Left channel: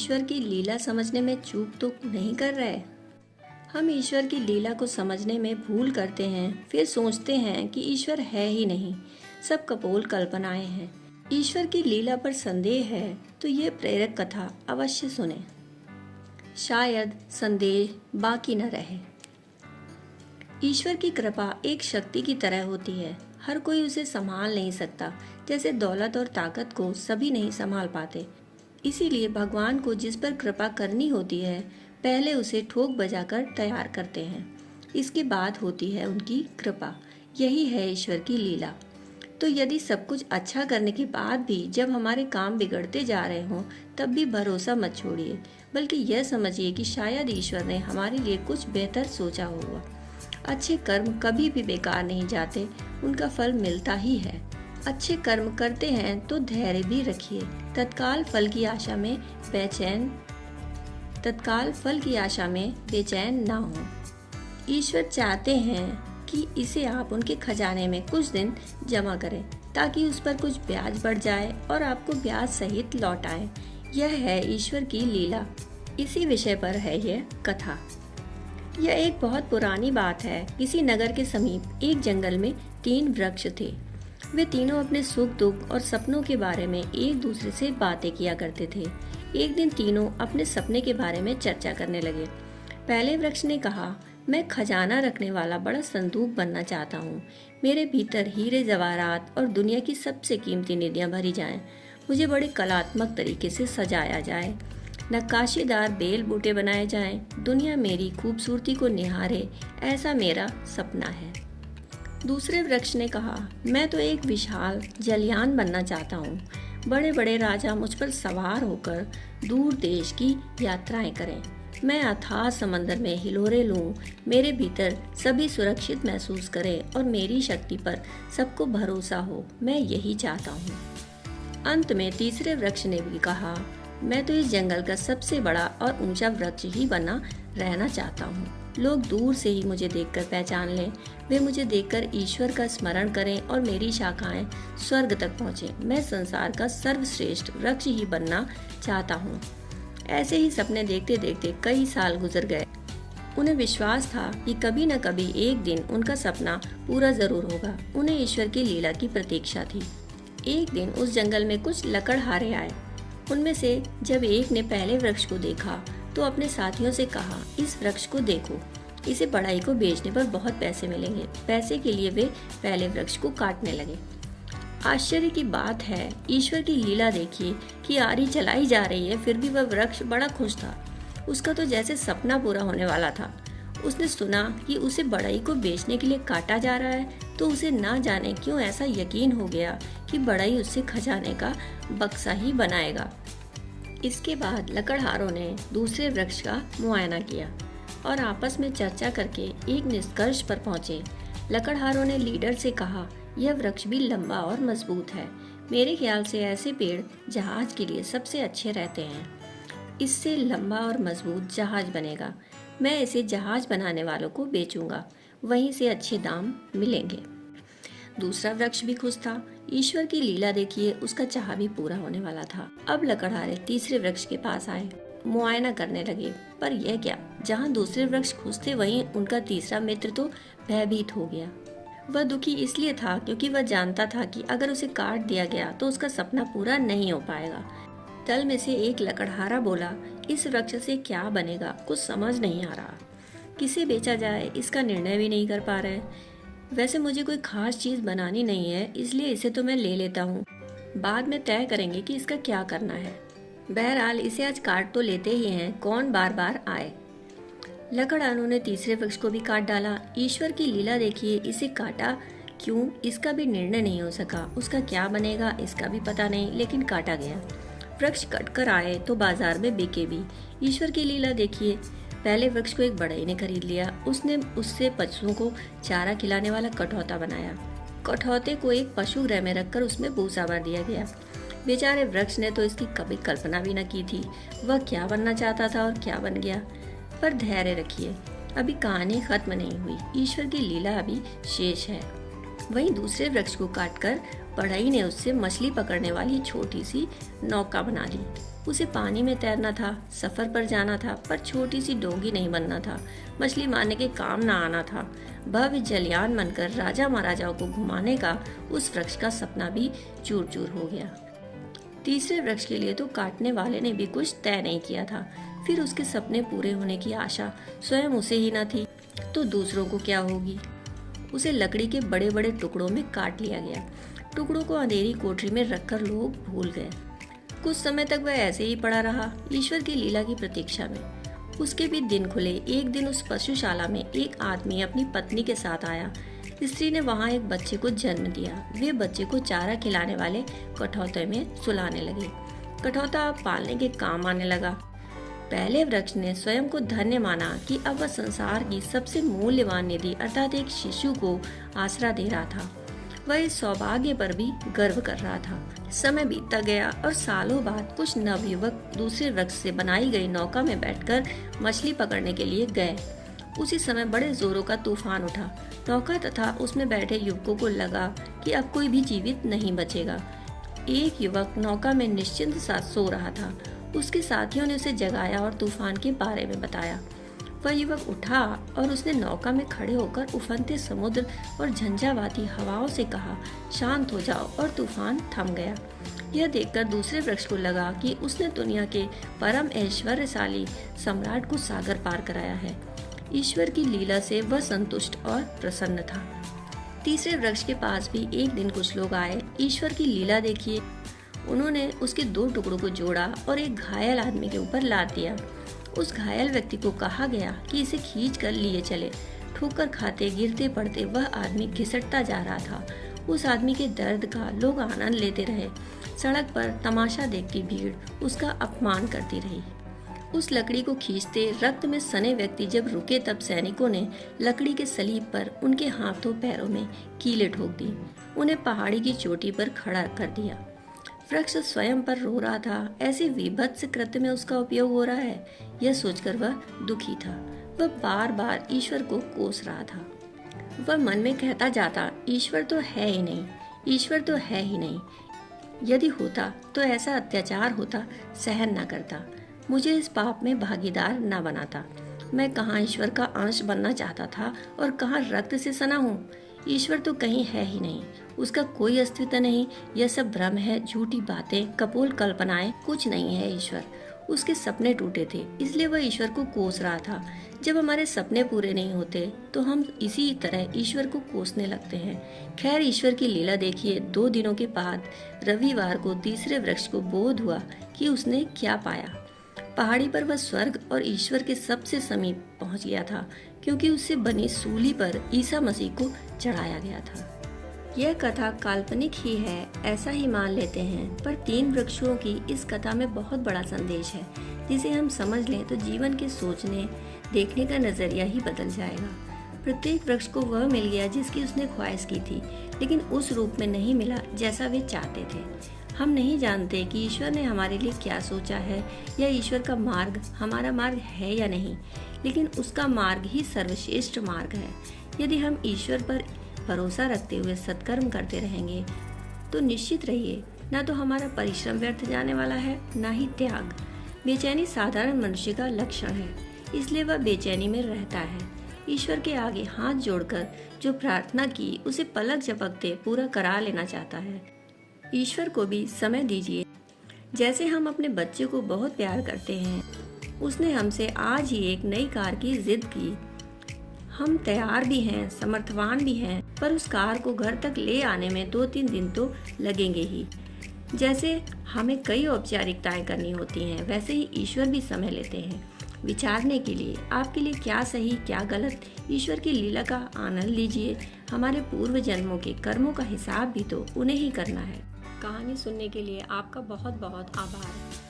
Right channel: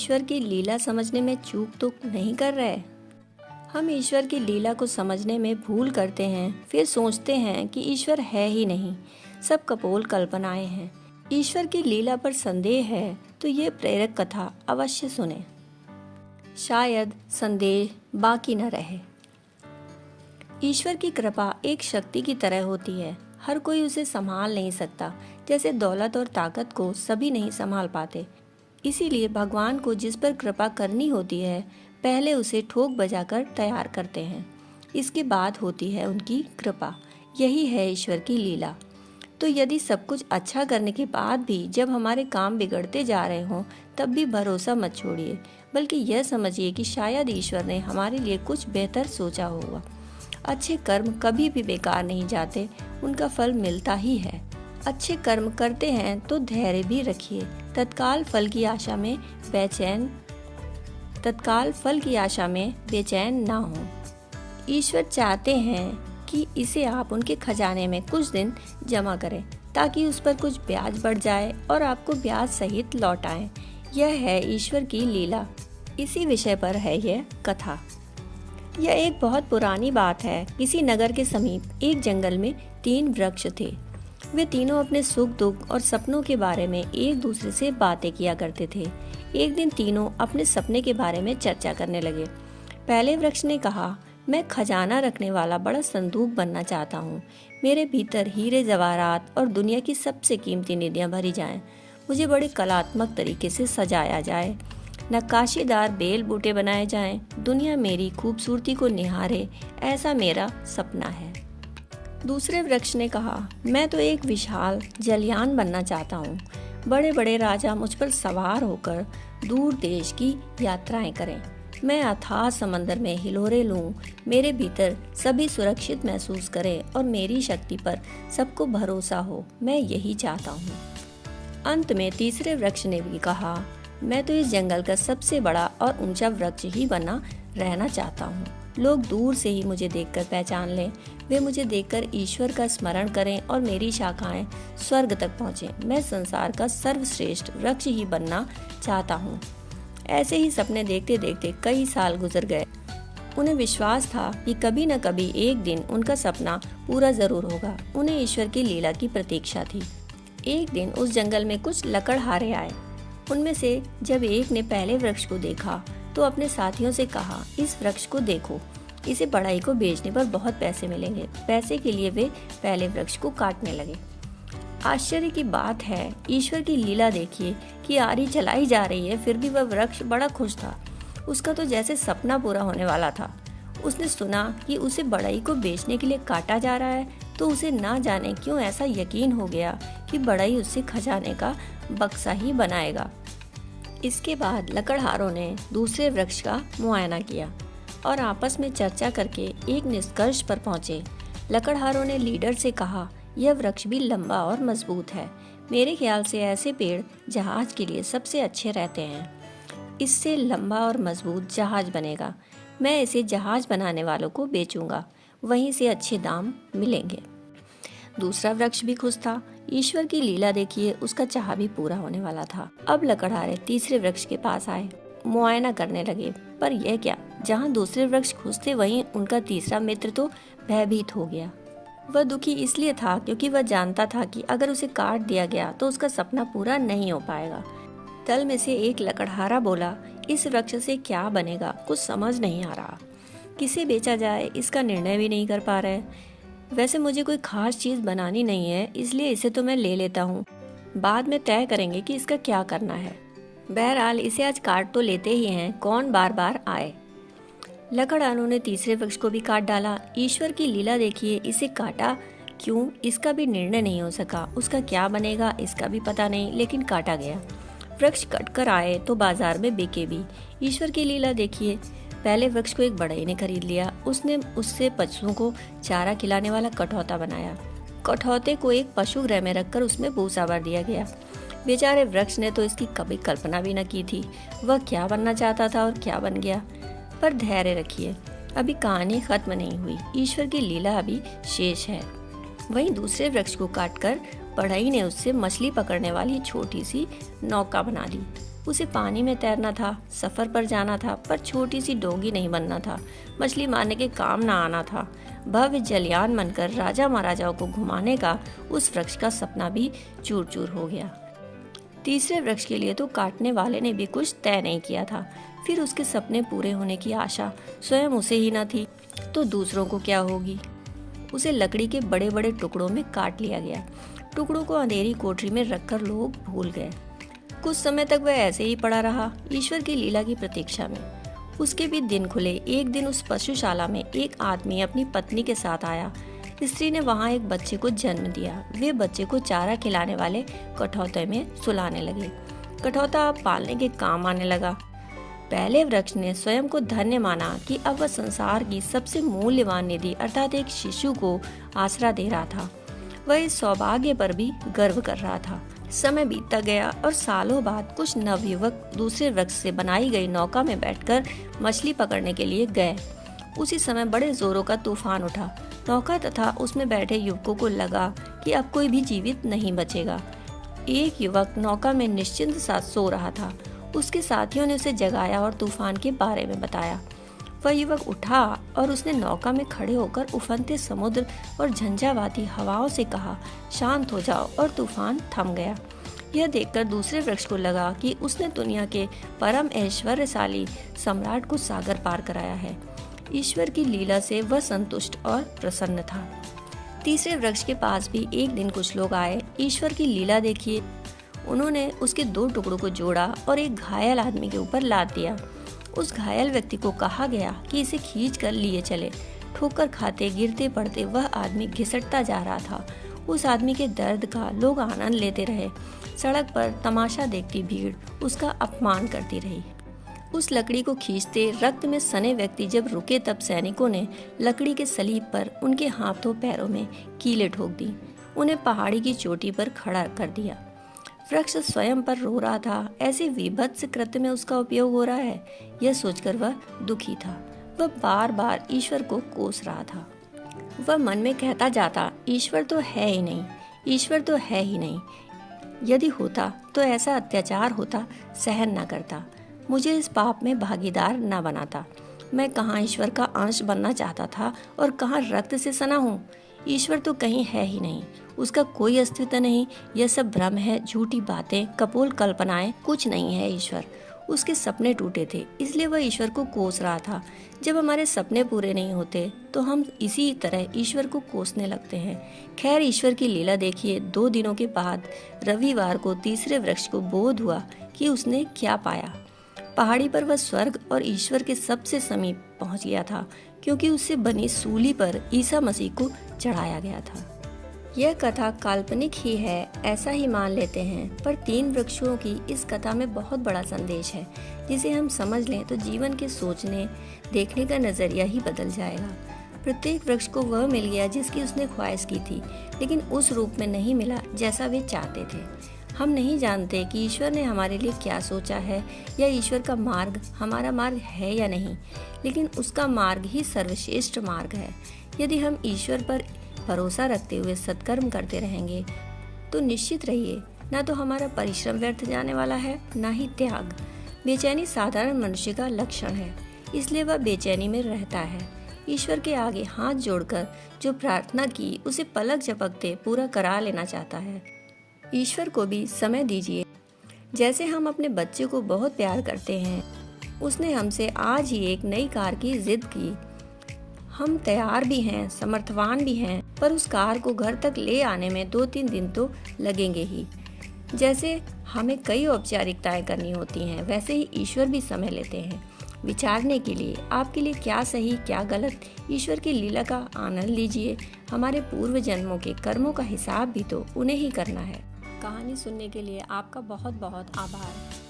ईश्वर की लीला समझने में चूक तो नहीं कर रहे? हम ईश्वर की लीला को समझने में भूल करते हैं, फिर सोचते हैं कि ईश्वर है ही नहीं, सब कपोल कल्पनाएं हैं। ईश्वर की लीला पर संदेह है तो ये प्रेरक कथा अवश्य सुने, शायद संदेह बाकी न रहे। ईश्वर की कृपा एक शक्ति की तरह होती है, हर कोई उसे संभाल नहीं सकता, जैसे दौलत और ताकत को सभी नहीं संभाल पाते। इसीलिए भगवान को जिस पर कृपा करनी होती है, पहले उसे ठोक बजाकर तैयार करते हैं, इसके बाद होती है उनकी कृपा। यही है ईश्वर की लीला। तो यदि सब कुछ अच्छा करने के बाद भी जब हमारे काम बिगड़ते जा रहे हों, तब भी भरोसा मत छोड़िए, बल्कि यह समझिए कि शायद ईश्वर ने हमारे लिए कुछ बेहतर सोचा होगा। अच्छे कर्म कभी भी बेकार नहीं जाते, उनका फल मिलता ही है। अच्छे कर्म करते हैं तो धैर्य भी रखिए, तत्काल फल की आशा में बेचैन ना हो। ईश्वर चाहते हैं कि इसे आप उनके खजाने में कुछ दिन जमा करें, ताकि उस पर कुछ ब्याज बढ़ जाए और आपको ब्याज सहित लौट आए। यह है ईश्वर की लीला। इसी विषय पर है यह कथा। यह एक बहुत पुरानी बात है। किसी नगर के समीप एक जंगल में 3 वृक्ष थे। वे तीनों अपने सुख दुख और सपनों के बारे में एक दूसरे से बातें किया करते थे। एक दिन तीनों अपने सपने के बारे में चर्चा करने लगे। पहले वृक्ष ने कहा, मैं खजाना रखने वाला बड़ा संदूक बनना चाहता हूँ। मेरे भीतर हीरे जवाहरात और दुनिया की सबसे कीमती निधियाँ भरी जाएं। मुझे बड़े कलात्मक तरीके से सजाया जाए, नक्काशीदार बेल बूटे बनाए जाएं। दुनिया मेरी खूबसूरती को निहारे, ऐसा मेरा सपना है। दूसरे वृक्ष ने कहा, मैं तो एक विशाल जलयान बनना चाहता हूँ। बड़े बड़े राजा मुझ पर सवार होकर दूर देश की यात्राएं करें। मैं अथाह समंदर में हिलोरे लूं, मेरे भीतर सभी सुरक्षित महसूस करें और मेरी शक्ति पर सबको भरोसा हो। मैं यही चाहता हूँ। अंत में तीसरे वृक्ष ने भी कहा, मैं तो इस जंगल का सबसे बड़ा और ऊंचा वृक्ष ही बना रहना चाहता हूँ। लोग दूर से ही मुझे देखकर पहचान लें, वे मुझे देखकर ईश्वर का स्मरण करें और मेरी शाखाएं स्वर्ग तक पहुँचें। मैं संसार का सर्वश्रेष्ठ वृक्ष ही बनना चाहता हूँ। ऐसे ही सपने देखते देखते कई साल गुजर गए। उन्हें विश्वास था कि कभी न कभी एक दिन उनका सपना पूरा जरूर होगा। उन्हें ईश्वर की लीला की प्रतीक्षा थी। एक दिन उस जंगल में कुछ लकड़हारे आए। उनमें से जब एक ने पहले वृक्ष को देखा तो अपने साथियों से कहा, इस वृक्ष को देखो, इसे बढ़ई को बेचने पर बहुत पैसे मिलेंगे। पैसे के लिए वे पहले वृक्ष को काटने लगे। आश्चर्य की बात है, ईश्वर की लीला देखिए कि आरी चलाई जा रही है, फिर भी वह वृक्ष बड़ा खुश था। उसका तो जैसे सपना पूरा होने वाला था। उसने सुना कि उसे बढ़ई को बेचने के लिए काटा जा रहा है, तो उसे ना जाने क्यों ऐसा यकीन हो गया कि बढ़ई उससे खजाने का बक्सा ही बनाएगा। इसके बाद लकड़हारों ने दूसरे वृक्ष का मुआयना किया और आपस में चर्चा करके एक निष्कर्ष पर पहुंचे। लकड़हारों ने लीडर से कहा, यह वृक्ष भी लंबा और मजबूत है। मेरे ख्याल से ऐसे पेड़ जहाज के लिए सबसे अच्छे रहते हैं। इससे लंबा और मजबूत जहाज बनेगा। मैं इसे जहाज बनाने वालों को बेचूंगा, वहीं से अच्छे दाम मिलेंगे। दूसरा वृक्ष भी खुश था। ईश्वर की लीला देखिए, उसका चाह भी पूरा होने वाला था। अब लकड़हारे तीसरे वृक्ष के पास आए, मुआयना करने लगे। पर यह क्या, जहाँ दूसरे वृक्ष खुश थे वहीं उनका तीसरा मित्र तो भयभीत हो गया। वह दुखी इसलिए था क्योंकि वह जानता था कि अगर उसे काट दिया गया तो उसका सपना पूरा नहीं हो पाएगा। दल में से एक लकड़हारा बोला, इस वृक्ष से क्या बनेगा, कुछ समझ नहीं आ रहा। किसे बेचा जाए इसका निर्णय भी नहीं कर पा रहे। वैसे मुझे कोई खास चीज बनानी नहीं है, इसलिए इसे तो मैं ले लेता हूँ। बाद में तय करेंगे कि इसका क्या करना है। बहरहाल इसे आज काट तो लेते ही हैं, कौन बार बार आए। लकड़हारों ने तीसरे वृक्ष को भी काट डाला। ईश्वर की लीला देखिए, इसे काटा क्यों, इसका भी निर्णय नहीं हो सका। उसका क्या बनेगा इसका भी पता नहीं, लेकिन काटा गया। वृक्ष कटकर आए तो बाजार में बिके भी। ईश्वर की लीला देखिए, पहले वृक्ष को एक बढ़ई ने खरीद लिया। उसने उससे पशुओं को चारा खिलाने वाला कठौता बनाया। कठौते को एक पशु गृह में रखकर उसमें भूसा भर दिया गया। बेचारे वृक्ष ने तो इसकी कभी कल्पना भी न की थी। वह क्या बनना चाहता था और क्या बन गया। पर धैर्य रखिए, अभी कहानी खत्म नहीं हुई। ईश्वर की लीला अभी शेष है। वहीं दूसरे वृक्ष को काटकर बढ़ई ने उससे मछली पकड़ने वाली छोटी सी नौका बना ली। उसे पानी में तैरना था, सफर पर जाना था, पर छोटी सी डोंगी नहीं बनना था, मछली मारने के काम ना आना था। भव्य जलयान बनकर राजा महाराजाओं को घुमाने का उस वृक्ष का सपना भी चूर चूर हो गया। तीसरे वृक्ष के लिए तो काटने वाले ने भी कुछ तय नहीं किया था। फिर उसके सपने पूरे होने की आशा स्वयं उसे ही न थी, तो दूसरों को क्या होगी। उसे लकड़ी के बड़े बड़े टुकड़ों में काट लिया गया। टुकड़ों को अंधेरी कोठरी में रखकर लोग भूल गए। कुछ समय तक वह ऐसे ही पड़ा रहा, ईश्वर की लीला की प्रतीक्षा में। उसके भी दिन खुले। एक दिन उस पशुशाला में एक आदमी अपनी पत्नी के साथ आया। स्त्री ने वहाँ एक बच्चे को जन्म दिया। वे बच्चे को चारा खिलाने वाले कठौते में सुलाने लगे। कठौता अब पालने के काम आने लगा। पहले वृक्ष ने स्वयं को धन्य माना कि अब वह संसार की सबसे मूल्यवान निधि अर्थात एक शिशु को आसरा दे रहा था। वह इस सौभाग्य पर भी गर्व कर रहा था। समय बीतता गया और सालों बाद कुछ नवयुवक दूसरे वृक्ष से बनाई गई नौका में बैठकर मछली पकड़ने के लिए गए। उसी समय बड़े जोरों का तूफान उठा। नौका तथा उसमें बैठे युवकों को लगा कि अब कोई भी जीवित नहीं बचेगा। एक युवक नौका में निश्चिंत सा सो रहा था। उसके साथियों ने उसे जगाया और तूफान के बारे में बताया। वह युवक उठा और उसने नौका में खड़े होकर उफनते समुद्र और झंझावाती हवाओं से कहा, शांत हो जाओ, और तूफान थम गया। यह देखकर दूसरे वृक्ष को लगा कि उसने दुनिया के परम ऐश्वर्यशाली सम्राट को सागर पार कराया है। ईश्वर की लीला से वह संतुष्ट और प्रसन्न था। तीसरे वृक्ष के पास भी एक दिन कुछ लोग आए। ईश्वर की लीला देखिए। उन्होंने उसके दो टुकड़ों को जोड़ा और एक घायल आदमी के ऊपर लाद दिया। उस घायल व्यक्ति को कहा गया कि इसे खींच कर लिए चले। ठोकर खाते गिरते पड़ते वह आदमी घिसटता जा रहा था। उस आदमी के दर्द का लोग आनंद लेते रहे। सड़क पर तमाशा देखती भीड़ उसका अपमान करती रही। उस लकड़ी को खींचते रक्त में सने व्यक्ति जब रुके, तब सैनिकों ने लकड़ी के सलीब पर उनके हाथों पैरों में कीलें ठोक दी। उन्हें पहाड़ी की चोटी पर खड़ा कर दिया। वृक्ष स्वयं पर रो रहा था। ऐसे विभत्स कृत्य में उसका उपयोग हो रहा है, यह सोचकर वह दुखी था। वह बार बार ईश्वर को कोस रहा था। वह मन में कहता जाता, ईश्वर तो है ही नहीं, ईश्वर तो है ही नहीं। यदि होता तो ऐसा अत्याचार होता, सहन न करता, मुझे इस पाप में भागीदार न बनाता। मैं कहाँ ईश्वर का अंश बनना चाहता था और कहाँ रक्त से सना हूँ। ईश्वर तो कहीं है ही नहीं, उसका कोई अस्तित्व नहीं। यह सब भ्रम है, झूठी बातें, कपोल कल्पनाएं, कुछ नहीं है ईश्वर। उसके सपने टूटे थे, इसलिए वह ईश्वर को कोस रहा था। जब हमारे सपने पूरे नहीं होते तो हम इसी तरह ईश्वर को कोसने लगते हैं। खैर, ईश्वर की लीला देखिए। 2 दिनों के बाद रविवार को तीसरे वृक्ष को बोध हुआ कि उसने क्या पाया। पहाड़ी पर वह स्वर्ग और ईश्वर के सबसे समीप पहुंच गया था, क्योंकि उससे बनी सूली पर ईसा मसीह को चढ़ाया गया था। यह कथा काल्पनिक ही है, ऐसा ही मान लेते हैं, पर 3 वृक्षों की इस कथा में बहुत बड़ा संदेश है, जिसे हम समझ लें तो जीवन के सोचने देखने का नजरिया ही बदल जाएगा। प्रत्येक वृक्ष को वह मिल गया जिसकी उसने ख्वाहिश की थी, लेकिन उस रूप में नहीं मिला जैसा वे चाहते थे। हम नहीं जानते कि ईश्वर ने हमारे लिए क्या सोचा है, या ईश्वर का मार्ग हमारा मार्ग है या नहीं, लेकिन उसका मार्ग ही सर्वश्रेष्ठ मार्ग है। यदि हम ईश्वर पर भरोसा रखते हुए सत्कर्म करते रहेंगे तो निश्चित रहिए, ना तो हमारा परिश्रम व्यर्थ जाने वाला है, ना ही त्याग। बेचैनी साधारण मनुष्य का लक्षण है, इसलिए वह बेचैनी में रहता है। ईश्वर के आगे हाथ जोड़कर जो प्रार्थना की, उसे पलक झपकते पूरा करा लेना चाहता है। ईश्वर को भी समय दीजिए। जैसे हम अपने बच्चे को बहुत प्यार करते हैं, उसने हमसे आज ही एक नई कार की जिद की। हम तैयार भी हैं, समर्थवान भी हैं, पर उस कार को घर तक ले आने में 2-3 दिन तो लगेंगे ही। जैसे हमें कई औपचारिकताएं करनी होती हैं, वैसे ही ईश्वर भी समय लेते हैं विचारने के लिए। आपके लिए क्या सही क्या गलत, ईश्वर की लीला का आनंद लीजिए। हमारे पूर्व जन्मों के कर्मों का हिसाब भी तो उन्हें ही करना है। कहानी सुनने के लिए आपका बहुत बहुत आभार।